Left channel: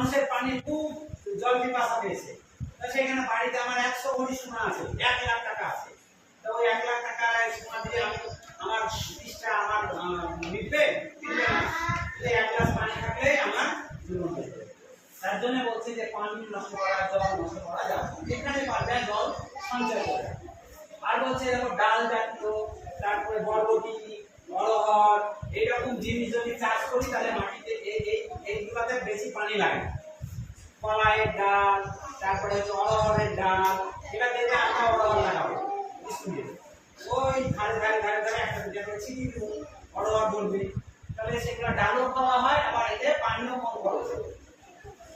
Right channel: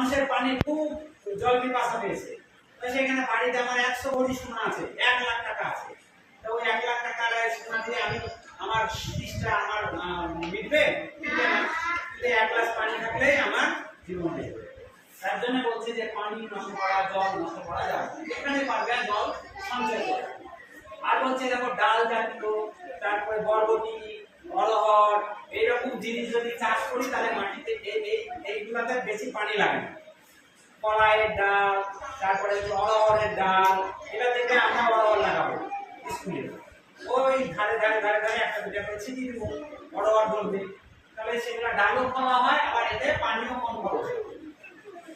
মানুষের পানি খুব জল পিপাসা পেয়েছে, তো সেখানে বাড়িতে আমার 100 ভরি সোনা আছে, 1 লাখ টাকা আছে। তো ওই 1 লাখ টাকার সোনা দিয়ে আমি আমার তিষ্টা আমার মিটবে না। 1 গ্লাস পানি থাকলেই আমার জীবন হয়ে যাবে। তার জন্য বলছি যে পানি নষ্ট করা, জল নষ্ট করা যাবে না, যেখানে পারবে জল সঞ্চয় করে। আর বলছে দেখো ডাল জাতীয়, তারপরে বরবটি, অড়হর, এইরকম জিনিস যদি চাষ করি তাহলে মাটিতে এইগুলাতে বেশি পানি লাগে না। কলাইয়ের ডাল, তারপরে হচ্ছে অড়হরের ডাল, এটা থেকে আমরা অড়হর লাগাবো স্কুলে, ওই ধারে ধারে ধারে ধারে একটা দুটা করে ছিটিয়ে দেবো, অড়হর ধরবে, তাহলে সেগুলো ডালও খাওয়া হয়, আবার এতে পানিও কম খরচ হবে।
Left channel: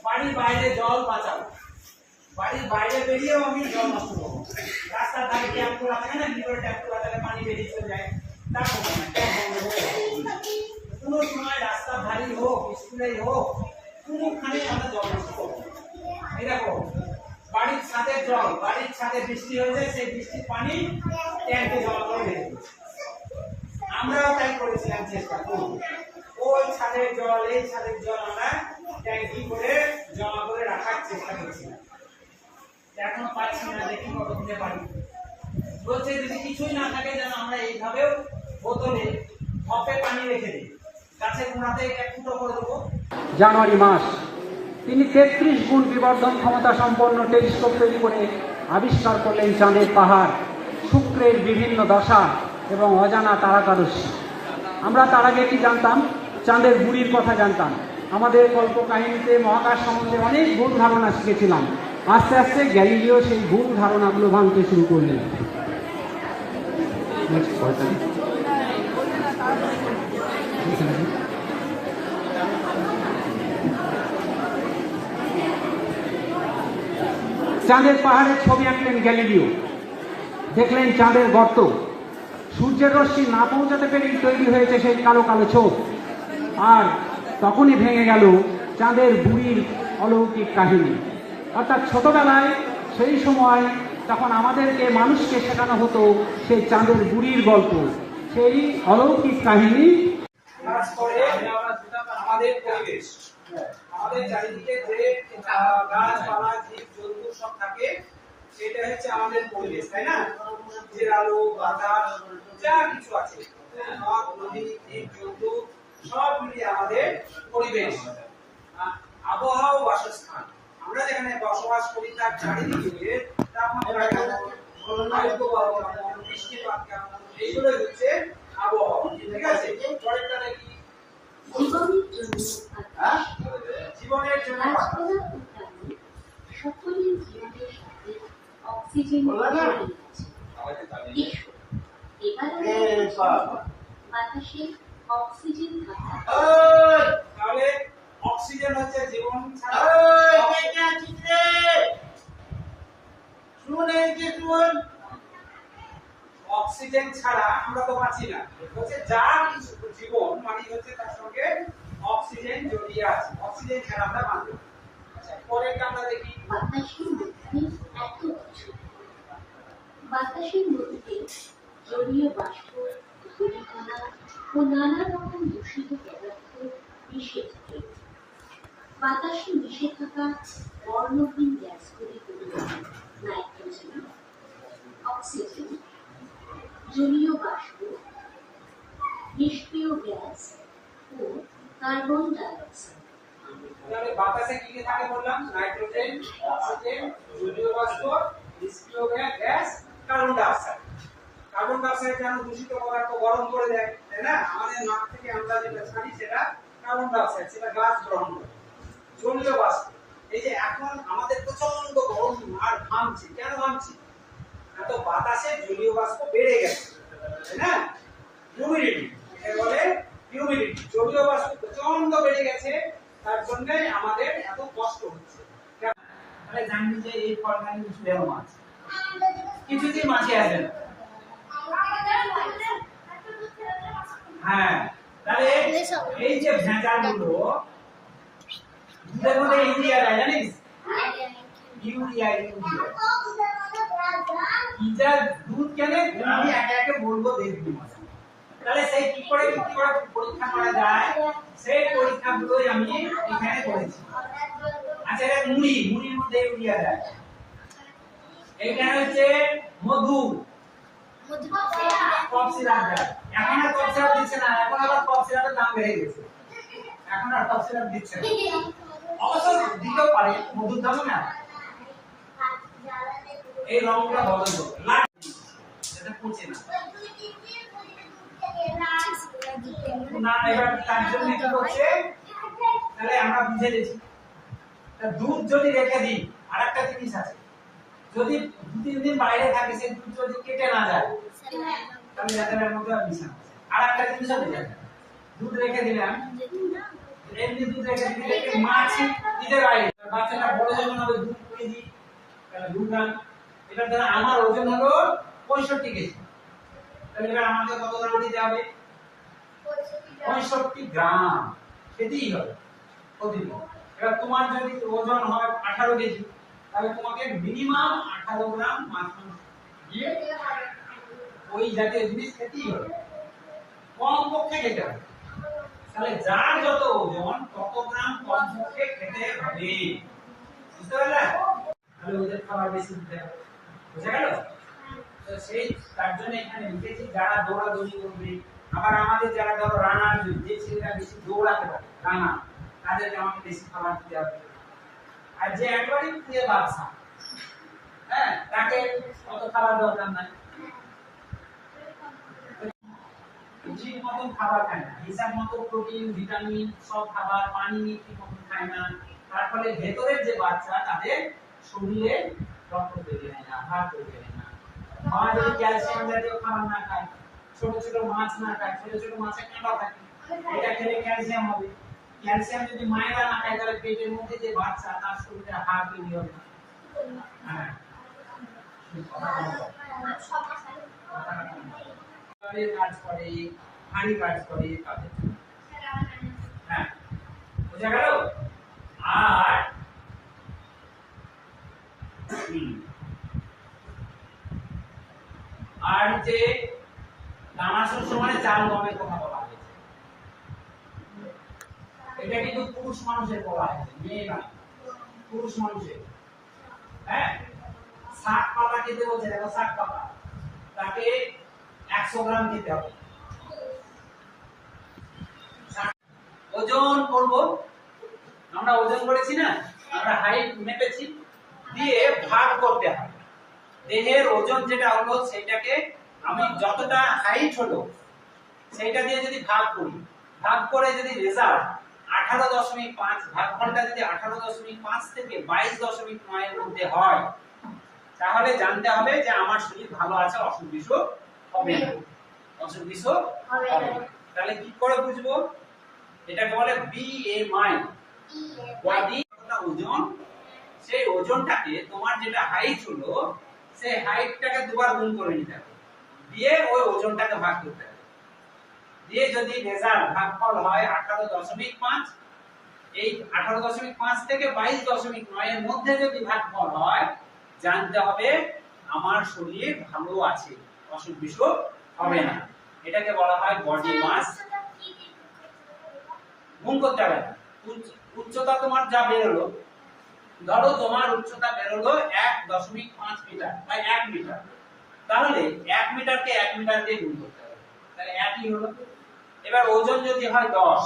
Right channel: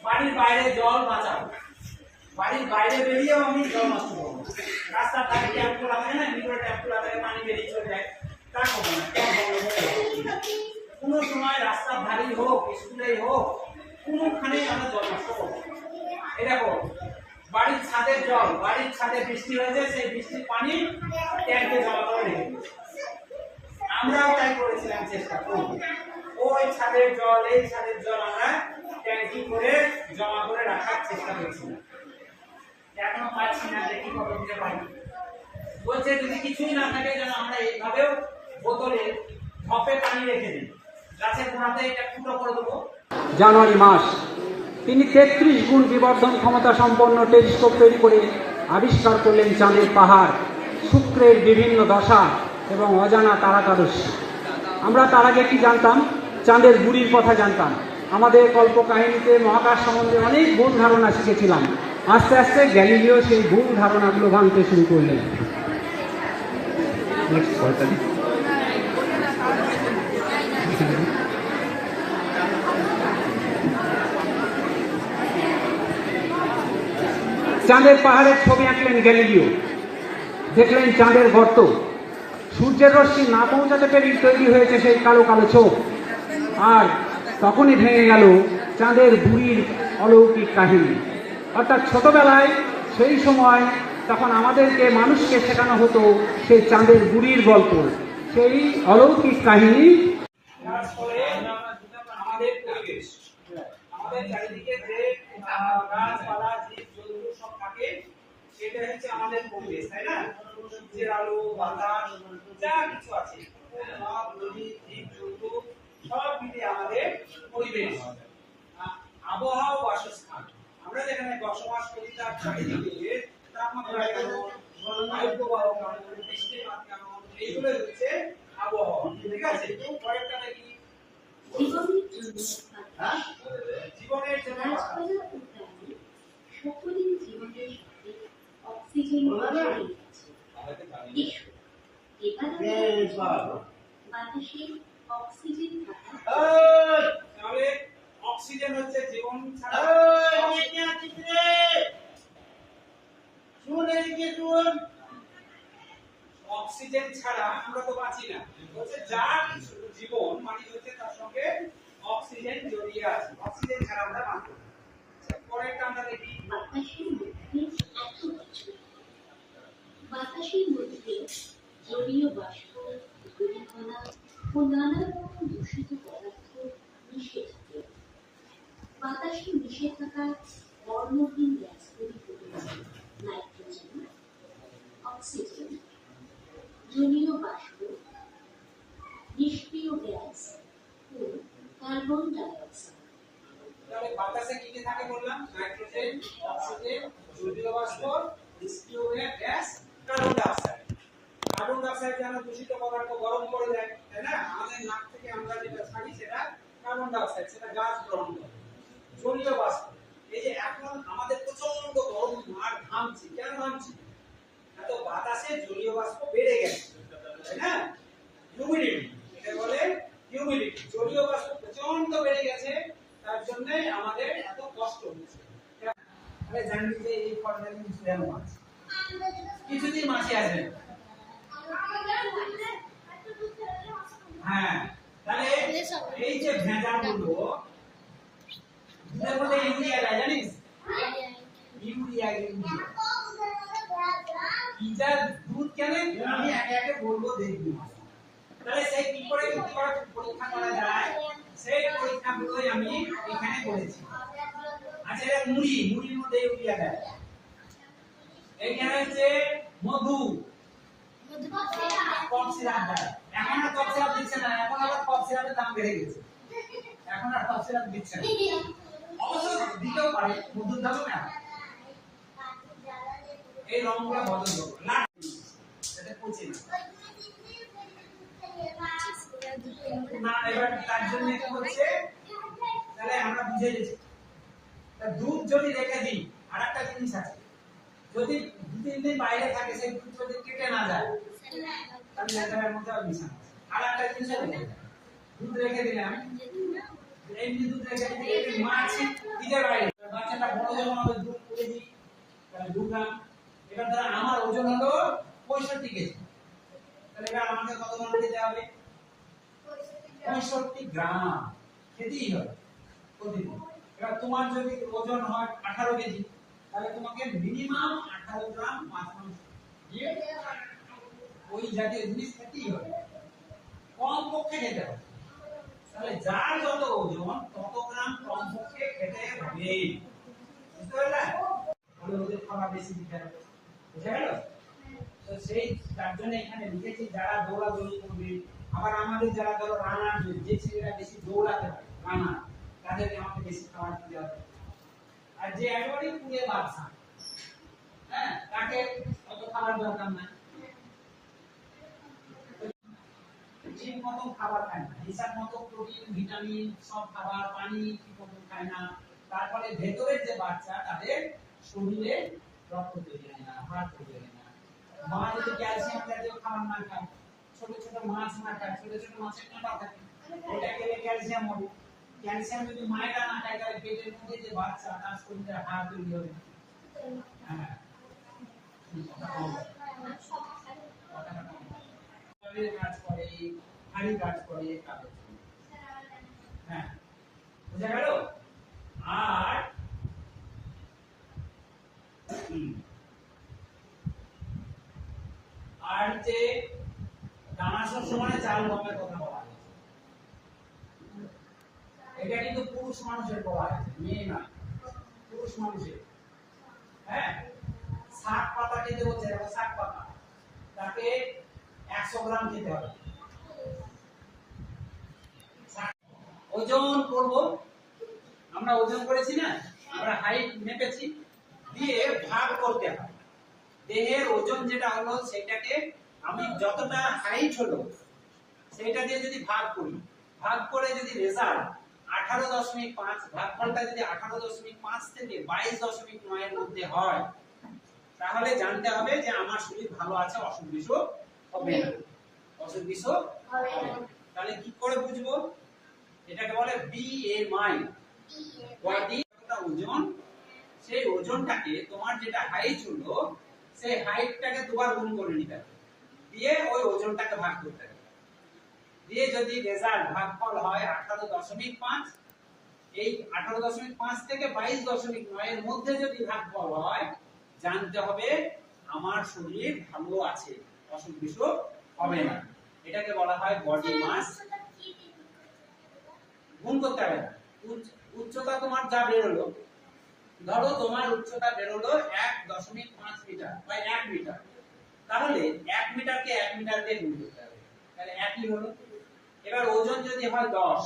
বাড়ির বাইরে জল বাঁচাবো, বাড়ির বাইরে বেরিয়েও আমি জল নষ্ট করবো। রাস্তার ধারে ট্যাপগুলো থাকে না, ভিতরে ট্যাপগুলো থেকে পানি বেরিয়ে চলে যায়, তা করবো না। কোনো সময় রাস্তার ধারেই হোক, স্কুলেই হোক, কোনোখানে আমরা জল নষ্ট করবো। এই দেখো বাড়ির ছাদের জল, বাড়ির ছাদে বৃষ্টি হয়েছে, সেই বৃষ্টির পানি ট্যাঙ্কে জমা করে রেখে দিয়েছি। আমরাও তাই করেছিলাম, চেষ্টা করব ওই ছাদের জল, এই ছাদের জল আমরা ট্যাঙ্কি করে জমা করে রাখার চেষ্টা করছিলাম। এখনো পাচ্ছি না, দেখি কত দিতে পারি। বলছে যদি কিছুই না থাকে যেন আমরা এইভাবেও বোতলে ঢপে পানি রেখে দিই, গাছের গোড়াতে এটা ফুটো করে দেবো। জানুয়ারি মাস তিনি 33 গুণ বিবর্ধন ক্ষমতা সম্পন্ন টেলিস্কোপ তৈরি করে আবিষ্কার করলেন চাঁদের পাহাড়, শুক্রের বিভিন্ন দশা এবং অজানা তারাকারস্যি। আমরা তার আগে কি জানতাম? চাঁদের বুড়ির কথা জানতাম। আমাদের কল্প কাহিনীতে মহাকাশ সম্বন্ধে অনেক ভুল ধারণা শিখেছিলাম। আস্তে আস্তে গ্যালিলিও সেই ভুল ধারণাগুলো ভাঙতে শুরু করলেন। চাঁদের পাহাড়ের ছবি আঁকলেন গ্যালিলিও। দেখলেন চাঁদের গর্ত, সূর্যের রশ্মি না পৌঁছাতে পেরেই তৈরি হয়েছে সেই কালো কালো ছোপ। আর তখনই ভেঙে গেল চাঁদের বুড়ির অলৌকিক কাহিনী। অর্থাৎ ছোটবেলায় সেই সময় তখন আমাদেরকে মানুষকে শেখানো হতো সেই চাঁদের বুড়ির গল্প, সেই অলৌকিক কাহিনী। আমাদের পরিবেশ, আমাদের চারিদিকে যে গাছপালা, জীব-জন্তু সব থাকে, সেটা হচ্ছে আমাদের পরিবেশ, তাই না? যে আলো বাতাস যা কিছু আছে, নদ নদী, জীব-জন্তু সব মিলিয়ে আমাদের পরিবেশ। আবহাওয়া, বাসস্থান, আমরা যেখানে বসবাস করি তার চারিদিকে তাপমাত্রা কেমন, বায়ুপ্রবাহ কেমন, বৃষ্টিপাত কেমন, এইগুলো হচ্ছে আবহাওয়া। ঠিক আছে? পরেরটা দেখি জীবনের জন্য সকলের জীবনের সাথে অক্সিজেন বাতাসে অক্সিজেন তাহলে অক্সিজেন হচ্ছে জীবন ছাড়া, অক্সিজেন ছাড়া আমরা তো বাঁচি না। হচ্ছে যা কিছু জীবন মানে হচ্ছে তার সঙ্গে অক্সিজেন জড়িয়ে আছে, অক্সিজেন ছাড়া আমরা বাঁচি না। আচ্ছা, পরেরটা আমরা দেখি বাতাসের মধ্যে এত কিছু, বাতাসের মধ্যে জলীয় বাষ্প, ধূলিকণা ও নানা রকম দূষিত পদার্থ মিশে থাকে। বাতাসে মিশে থাকা বর্ণহীন গ্যাসগুলি হল নাইট্রোজেন, অক্সিজেন, জলীয় বাষ্প, নিষ্ক্রিয় গ্যাস ও কার্বন ডাইঅক্সাইড। তাহলে বাতাসে কি কি থাকে বললাম? নাইট্রোজেন, অক্সিজেন, জলীয় বাষ্প, নিষ্ক্রিয় gas, carbon dioxide. Carbon dioxide যেন দূষিত পদার্থ গরম করে দেয়, তাই না? আমাদের নাক থেকে আমরা যেটা ছাড়ি সেটা কার্বন ডাইঅক্সাইড, সেটা গাছ গ্রহণ করে। জলীয় বাষ্প, এই যে এখন আমাদের প্রচন্ড গরম আর ঘামছি, কেন ঘামছি? এত বাতাসে জলীয় বাষ্প বেড়ে গেছে, তাই না? হিউমিডিটি, এটা বলে হিউমিডিটি। জলীয় বাষ্প প্রচন্ড বেড়ে গেছে, তার জন্য আমাদের এত কষ্ট হচ্ছে। তাহলে জানবি যে এই ফলগান ঝুলেও মাছ, কিছুতেই মাছে আসে না। হ্যাঁ, তাহলে এই যে ভেজালগুলো দুধের মধ্যে ইউরিয়া দেয়, জানিস? ইউরিয়া ইটা দুধ কেনে আমি একে একে বলবো, দেখবি। তাহলে সেই কি করে পরীক্ষা করা যায়, সেই পরীক্ষাগুলোই আমি এখানে করেছি। মুড়ির মধ্যে ইউরিয়া দেয়। এখানে হচ্ছে মধু, কফ সিরাপ দেয়। এখন আর কফ সিরাপ দিচ্ছে না, এখন আবার কফ সিরাপের দাম বেড়ে গেছে, এখন আর কফ সিরাপ দিচ্ছে না। অবশ্য দিতেও পারে, মধুর দামও না। এই রংটা বদল করো, লাল এটা পচে না। না এবার তার জন্য কি হচ্ছে, তাহলে আমরা বুঝে গেছি। তা দুধ যদি রেখে দিই, আরেকটা জিনিস আছে, যদি 2-3 দিন বাইরে থাকে, সেই দুধ যদি কেটে না যায় তাহলে এটার মধ্যে মিশানো আছে। আরেকটা জিনিস আছে, দুধ রেখে দিলাম, এমনি দুধ রেখে দিলে মাছ দিতে বাইরে, বাচ্চাটা বড় যখন হবে 2 কেজি, তাহলে 2 গ্রাম। এবার ধরো আমার ওজন হলো 65 কেজি, তাহলে এবার আমাকে কত গ্রাম দিতে হবে? 65 গ্রাম খেতেই হবে প্রতিদিন। এবার তোমার যদি ওজন হয় 18 কেজি, তাহলে তোমাকে মিনিমাম 18 গ্রাম মাছ মাংস দিয়ে ওই জাতীয় জিনিস খেতেই হবে, কম পক্ষে খেতে হবে। তাহলে যার যত ওজন তত গ্রাম কম পক্ষে খেতে হবে, বুঝতে পারলে? তাহলে ওদের খাবার বেশি দিতে হবে, বুঝা গেল? তো সেই তার জন্য এখানে লিখেছি যারা দৌড়াদৌড়ি করবে, আবার আমাদের যারা ধরো রানার, যে ছেলেরা বেশি দৌড়াতে পারে রানা, তাদেরকে আমাকে বেশি খাবার দিতে হবে। আর যে একেবারে পুড়ে বাচ্চা, হ্যাঁ, তাকে অত খাবার দরকার নাই। ঠিক মতো খাবার খায় না, হিসাব মতো প্রোটিন ভিটামিন সব খাবার, পানি ঠিক মতো খায় না, তার ফলে ভেতরের যে বাচ্চা তাদের শরীরে রক্ত তৈরি হয় না, হাড় তৈরি হয় না। মা যদি ক্যালসিয়াম জাতীয় খাবার না খায়, ছোট ছোট মাছ না খায়, ছোট ছোট মাছে কাঁটা থাকে, এটা খেলে ক্যালসিয়াম হবে। ক্যালসিয়াম যদি মায়েরা না খায়, তাহলে পেটের মধ্যে যে বাচ্চা তার শরীরে হাড় তৈরি হবে না। হ্যাঁ, কাজ করে, হাড়ি কাজ করে তাদের জন্য। হ্যাঁ, বুঝা গেল? আর আর যে দানা শস্য মানে চাল গমের কথা বলা হয়েছে, এটা কিন্তু পুরুষ মানুষের বলা হয়েছে, মেয়ে না, পুরুষ মানুষের। হ্যাঁ, শাক পাতা খেতে বলছে, দেখো শাক পাতা, তাকে 100 গ্রাম দিতে হবে। ওজন করব, আমরা ওজন করেছি না, আমরা হাইট মেপেছি, দিয়ে ভাগ করতে হবে। দেহের ওজন যেটা হলো সেটাকে আমি যতটা হাইট হলো সেইটা দিয়ে যদি ভাগ করি, ভাগ করে যদি রেজাল্ট 18.5, ভাগফলটা যদি 18.5 থেকে 22.9 এর মধ্যে হয়, তাহলে জানতে হবে যে আমার শরীর ভালো আছে, অসুখ বিসুখ হবে না, অসুখ বিসুখ হবে না। তাহলে কি করে বুঝবো? এটাকে বলে BMI, বডি ওজন। সেই ওজনটাকে তোমার যেটা হাইট হলো সেই হাইটটাকে দুবার গুণ করে নিতে হবে, দিয়ে ওই ওজনটাকে ভাগ করতে হবে, দিয়ে যদি রেজাল্ট ভাগফল হয় 18.5, এই 18.5 থেকে 22.9 এর মধ্যে যদি ভাগফল হয়, জানতে হবে আমার শরীর ভালো আছে, অসুখ বিসুখ হবে না। এটাকে বলা হয় বডি মাস। গুণ করতে হবে না। উচ্চতা তোমার যা বেরোলো, ধরো তোমার উচ্চতা বেরোলো 1.5 মিটার বা 1 মিটার, তাহলে 1 মিটারকে 1 মিটার দিয়ে গুণ করতে হবে, তাহলে 1ই হলো। এবার ওজন যদি হয় 10,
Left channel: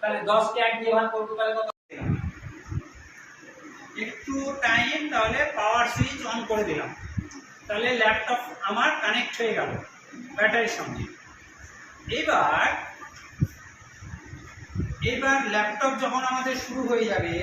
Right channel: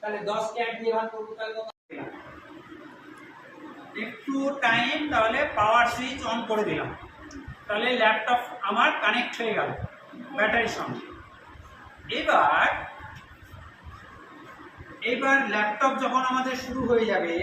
তাহলে 10 কে 1 দিয়ে ভাগ করব, তাহলে কত? একটু টাইম, তাহলে পাওয়ার সুইচ অন করে দিলাম, তাহলে ল্যাপটপ আমার কানেক্ট হয়ে গেল ব্যাটারির সঙ্গে। এবার ল্যাপটপ যখন আমাদের শুরু হয়ে যাবে,